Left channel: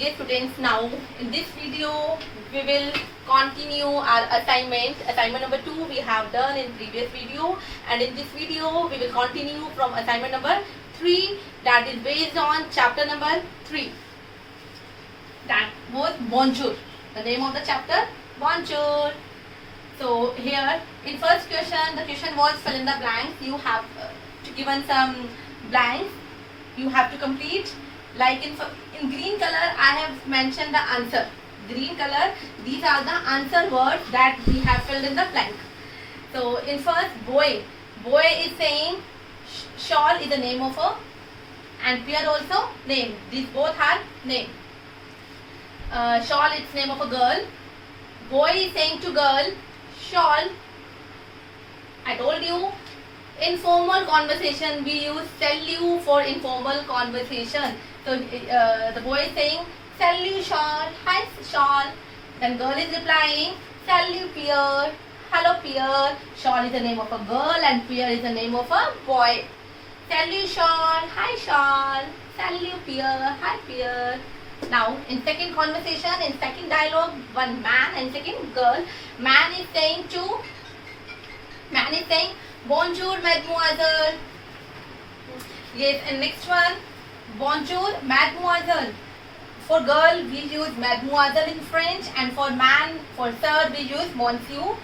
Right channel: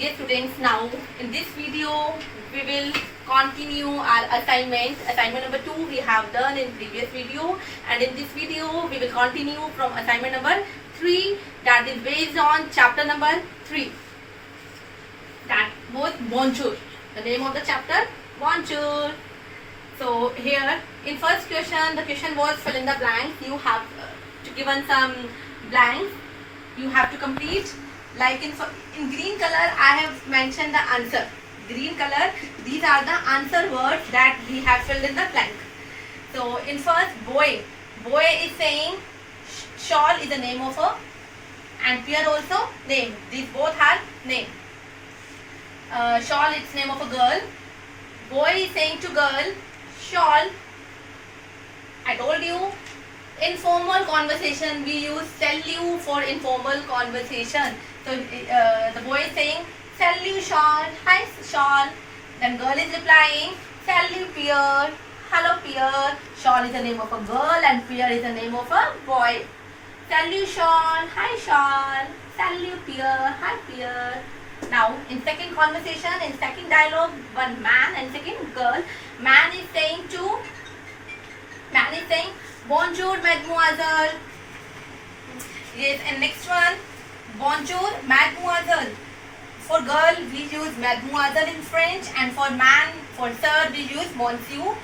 Dear students, now in this video we will continue our assignment. Assignment number 2 we have done in previous video, and in this video we will continue from assignment number 3, that is based on chapter number 3. That was Bonjour. The name of the chapter, Bonjour. So here in first question, the question was fill in the blanks. You have given some blanks. You have to complete. Like in green color, I have mentioned the answer. Green color, these are the answer words that we have filled in the blank. So in first, boy. Boy is saying shawl is the name of a, and pear also name. These both are name. Shawl is name of a girl. Boy is saying to girl, shawl. I told you, informal conversation we use sell you for informal conversation. So the boy is saying sell you shawl, hi shawl. Then girl is replying sell you pear, hello pear. Shawl is the name of a girl and pear is the name of a boy. Sell you shawl, hi shawl. Sell you pear, hi pear. Now in second conversation, in second dialogue, one man and second girl. Man is saying bonjour mademoiselle. Yes, and next one, bonjour mademoiselle. For girl we use mademoiselle in French, and for man, for sir, we use monsieur.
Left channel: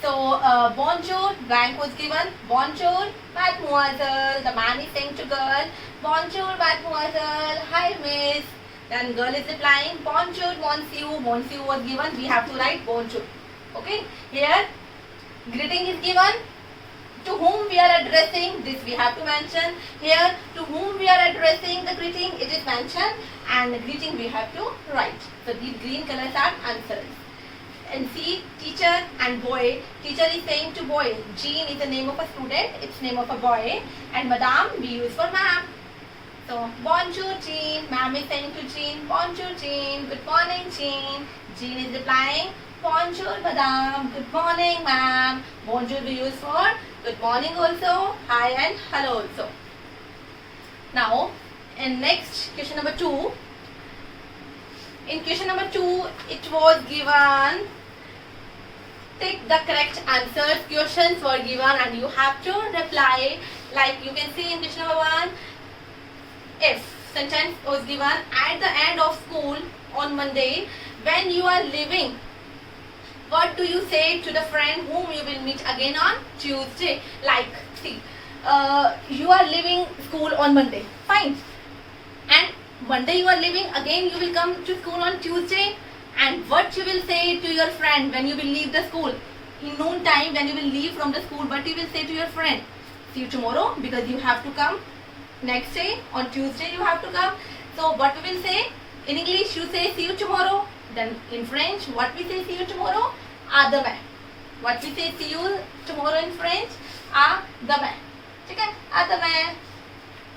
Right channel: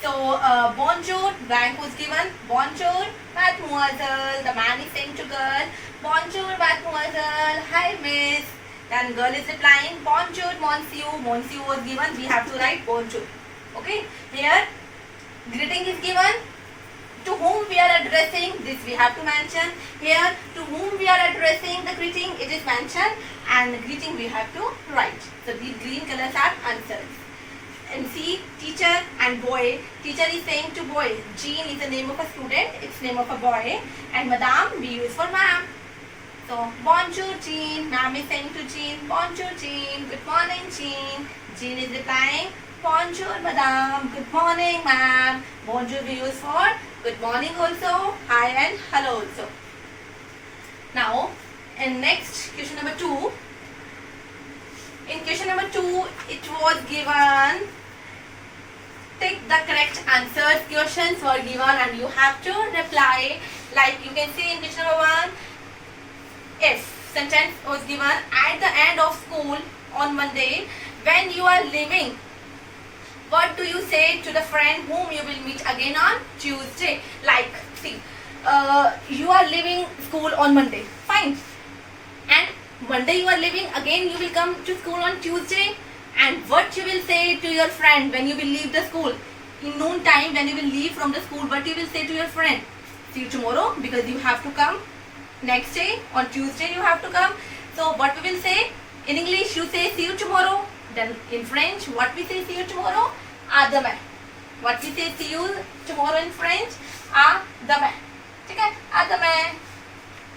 So bonjour, blank was given, bonjour mademoiselle. The man is saying to girl, bonjour mademoiselle, hi miss. Then girl is replying bonjour monsieur. Monsieur was given, we have to write bonjour. Okay, here greeting is given. To whom we are addressing, this we have to mention. Here, to whom we are addressing the greeting, it is mentioned, and the greeting we have to write. So these green colors are answers. And see, teacher and boy. Teacher is saying to boy, Jean is the name of a student, it's name of a boy, and madam we use for ma'am. So bonjour Jean, ma'am is saying to Jean, bonjour Jean, good morning Jean. Jean is replying, bonjour madam, good morning ma'am. Bonjour we use for good morning also, hi and hello also. Now in next question number 2. In question number 2 it was given, take the correct answers. Questions were given and you have to reply. Like you can see in question number 1, if sentence was given, at the end of school on Monday, when you are leaving, what do you say to the friend whom you will meet again on Tuesday? Like, see, you are leaving school on Monday, fine. And Monday you are leaving, again you will come to school on Tuesday. And what you will say to your friend when you will leave the school? In noon time, when you will leave from the school, what you will say to your friend? See you tomorrow, because you have to come. Next day, on Tuesday you have to come. So what we will say? In English you say see you tomorrow. Then in French, what we say see you tomorrow? À demain. What we say see you tomorrow in French? À demain. Okay? À demain.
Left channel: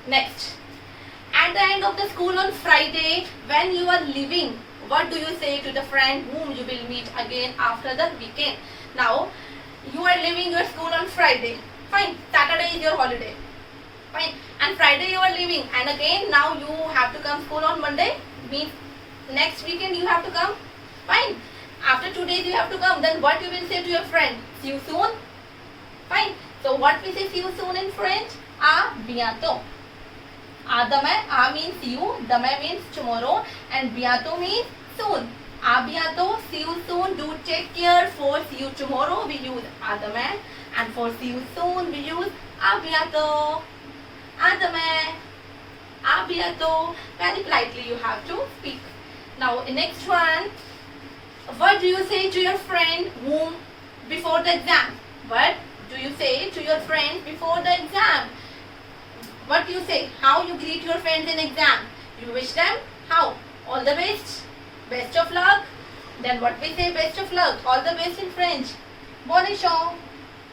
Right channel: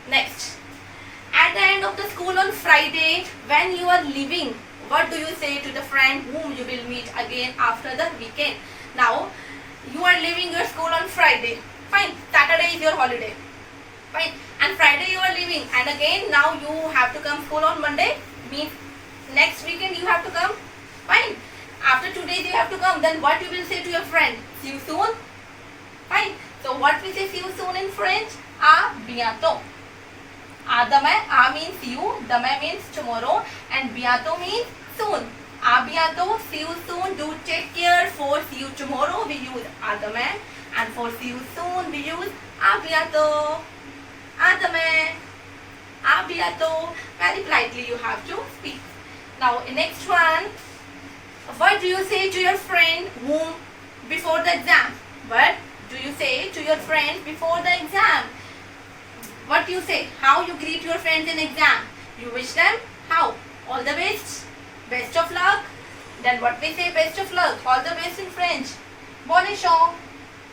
Next. At the end of the school on Friday, when you are leaving, what do you say to the friend whom you will meet again after the weekend? Now, you are leaving your school on Friday. Fine. Saturday is your holiday. Fine. And Friday you are leaving. And again, now you have to come school on Monday. Means next weekend you have to come. Fine. After 2 days you have to come. Then what you will say to your friend? See you soon. Fine. So what we say see you soon in French? À bientôt. À demain. À means see you. Demain means tomorrow. And bientôt means soon. À bientôt. See you soon. Do take care. For see you tomorrow we use à demain. And for see you soon we use à bientôt. À demain. À bientôt. Very politely you have to speak. Now in next one, what do you say to your friend whom before the exam? What do you say to your friend before the exam? What do you say? How you greet your friends in exam? You wish them how? All the best. Best of luck. Then what we say? Best of luck. All the best in French. Bonne chance.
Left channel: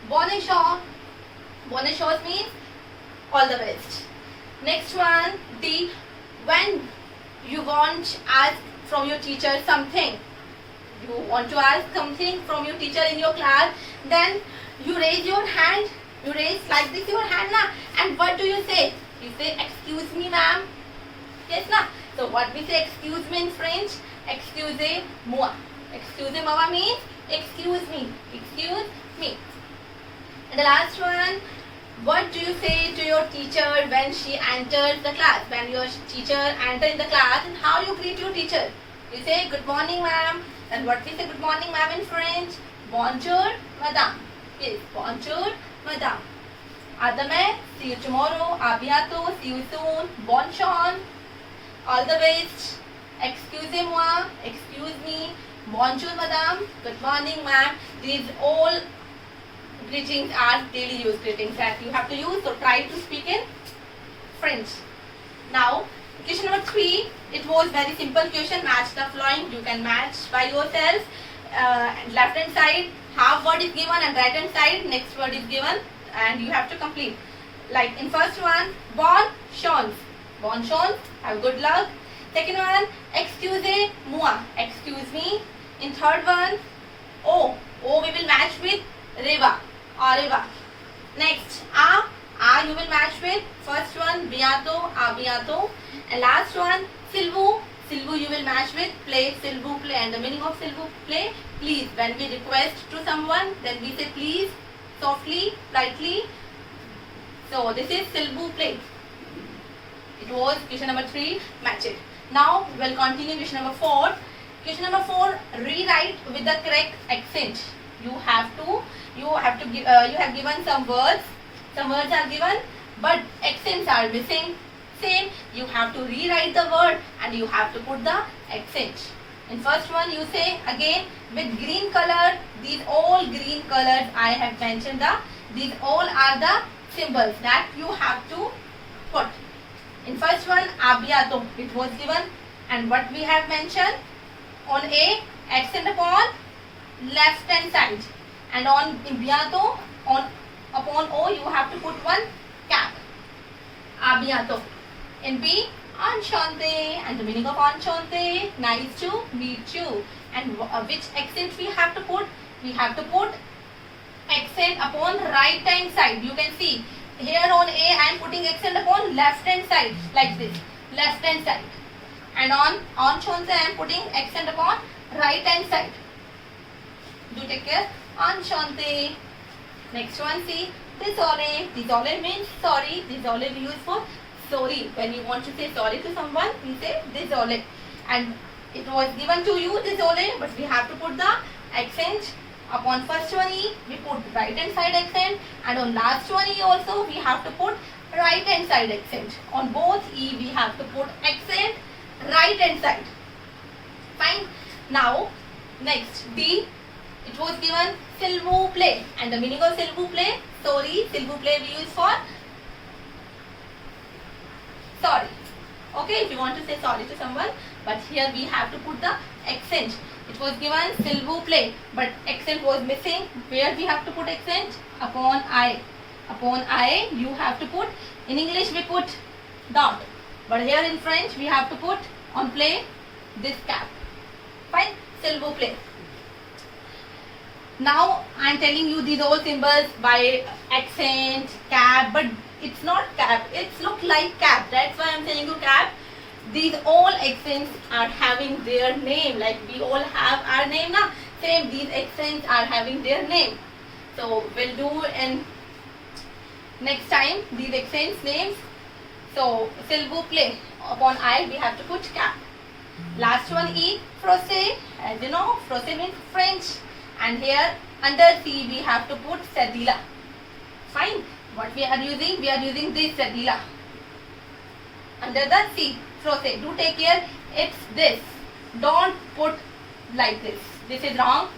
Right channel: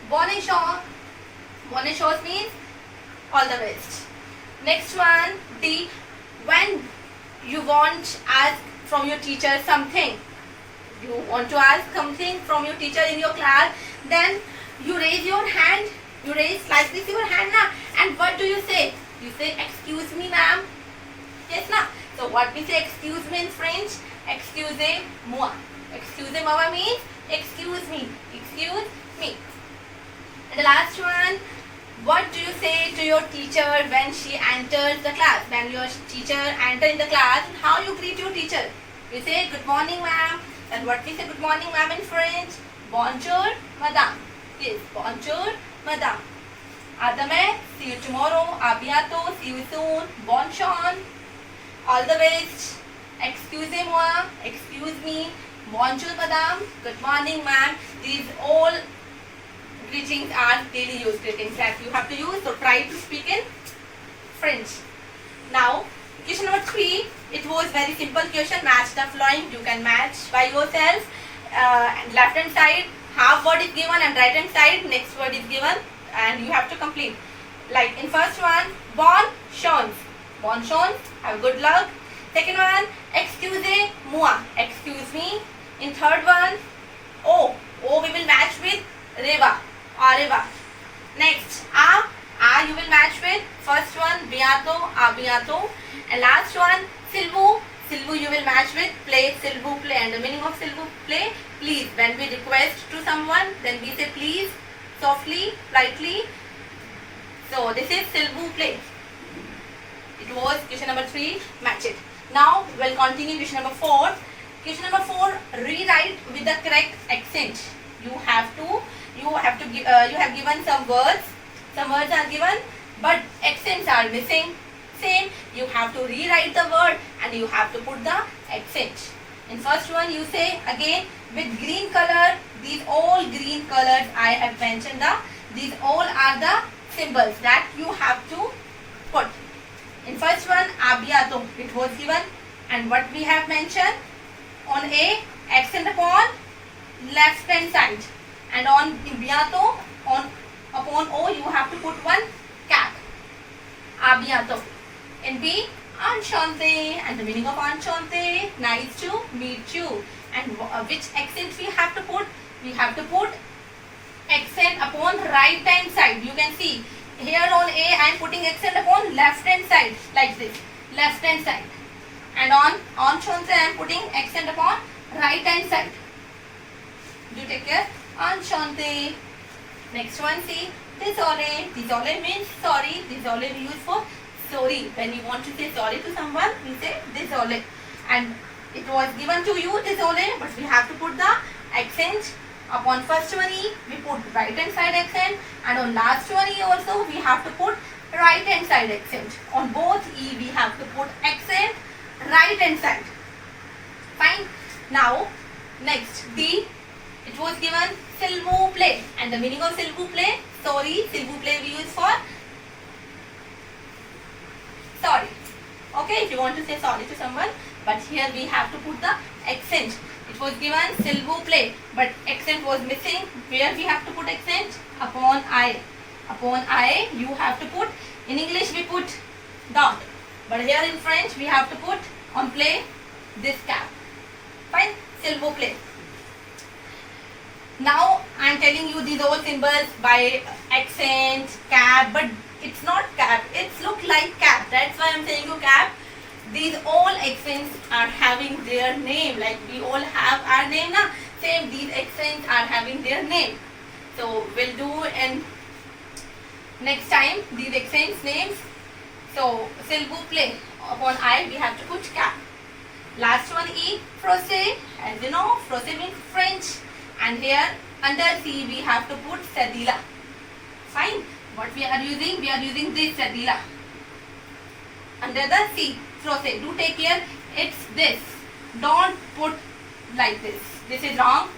Bonne chance. Bonne chance means all the best. Next one, D. When you want to ask from your teacher something, you want to ask something from your teacher in your class, then you raise your hand. You raise like this your hand now. And what do you say? You say, excuse me ma'am. Yes na. So what we say excuse me in French? Excusez-moi. Excusez-moi means excuse me. Excuse me. And the last one, what do you say to your teacher when she enters the class? When your teacher enters in the class, how you greet your teacher? You say good morning ma'am. And what we say good morning ma'am in French? Bonjour madame. Yes, bonjour madame. À demain, see you tomorrow. À bientôt, see you soon. Bonne chance. All the best. Excusez-moi. Excuse me. Bonjour madame. Good morning ma'am. These all greetings are daily use greetings that you have to use. So try to speak in French. Now, question number 3. It was very simple question. Match the following. You can match by yourself. Left hand side, half word is given, and right hand side, next word is given, and you have to complete. Like in first one, bonne chance. Bonne chance. Have good luck. Second one, excusez-moi. Excuse me. In third one, oh we will match with reva. Areva. Next, you will match with first one, bientôt, à bientôt. And last one, s'il vous you will match with play, s'il vous plaît. And the meaning of s'il vous plaît, please. When we request to someone, then we say please, softly, politely. So this is s'il vous plaît. It was question number 3, match it. Now we'll continue question number 4. Question number 4, rewrite with the correct accent. You have given some words are given, but accents are missing. Same, you have to rewrite the word and you have to put the accent. In first one, you say again with green color. These all green colors I have mentioned. These all are the symbols that you have to put. In first one, à bientôt, it was given, and what we have mentioned on A, accent upon left hand side, and on bientôt, upon O, you have to put one cap. À bientôt. In B, enchanté, and the meaning of enchanté, nice to meet you. And which accent we have to put? We have to put accent upon right hand side. You can see here on A, I am putting accent upon left hand side like this, left hand side. And on enchanté, I am putting accent upon right hand side. Do take care. Enchanté. Next one, see, désolé. Désolé means sorry. Désolé we use for sorry. When you want to say sorry to someone, we say désolé. And it was given to you désolé, but we have to put the accent upon first one E, we put right hand side accent, and on last one E also we have to put right hand side accent. On both E we have to put accent right hand side. Fine. Now next D, it was given s'il vous plaît, and the meaning of s'il vous plaît, sorry, s'il vous plaît we use for sorry. Okay, if you want to say sorry to someone, but here we have to put the accent. It was given s'il vous plaît, but accent was missing. Where we have to put accent? Upon I. Upon I, you have to put, in English we put dot, but here in French we have to put on play this cap. Fine, s'il vous plaît. Now I am telling you these all symbols by accent, cap, but it's not cap, it's look like cap. That's why I am saying you cap. These all accents are having their name, like we all have our name now. Same, these accents are having their name. So we'll do in next time these accents names. So s'il vous plaît, upon I we have to put cap. Last one E, français. As you know, français means French, and here under C we have to put cédula. Fine. What we are using? We are using this cédula under the C. Français. Do take care. It's this. Don't put like this. This is wrong.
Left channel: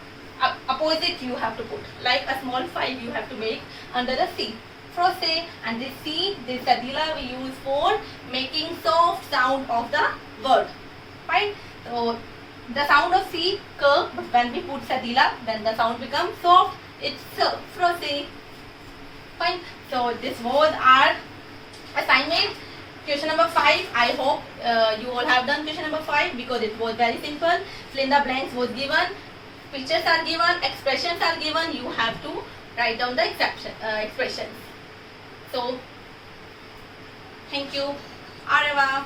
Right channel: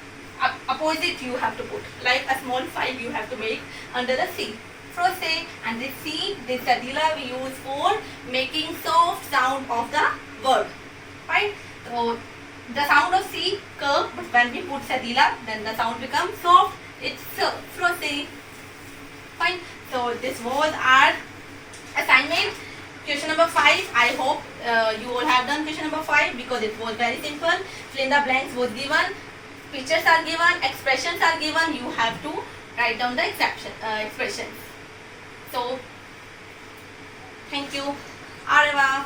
Opposite you have to put. Like a small 5 you have to make under the C. Français. And this C, this cédula we use for making soft sound of the word. Fine. So the sound of C curve, but when we put cédula, then the sound becomes soft. It's français. Fine. So this was our assignment. Question number 5. I hope you all have done question number 5 because it was very simple. Fill in the blanks was given, pictures are given, expressions are given. You have to write down the expressions. So thank you. Au revoir.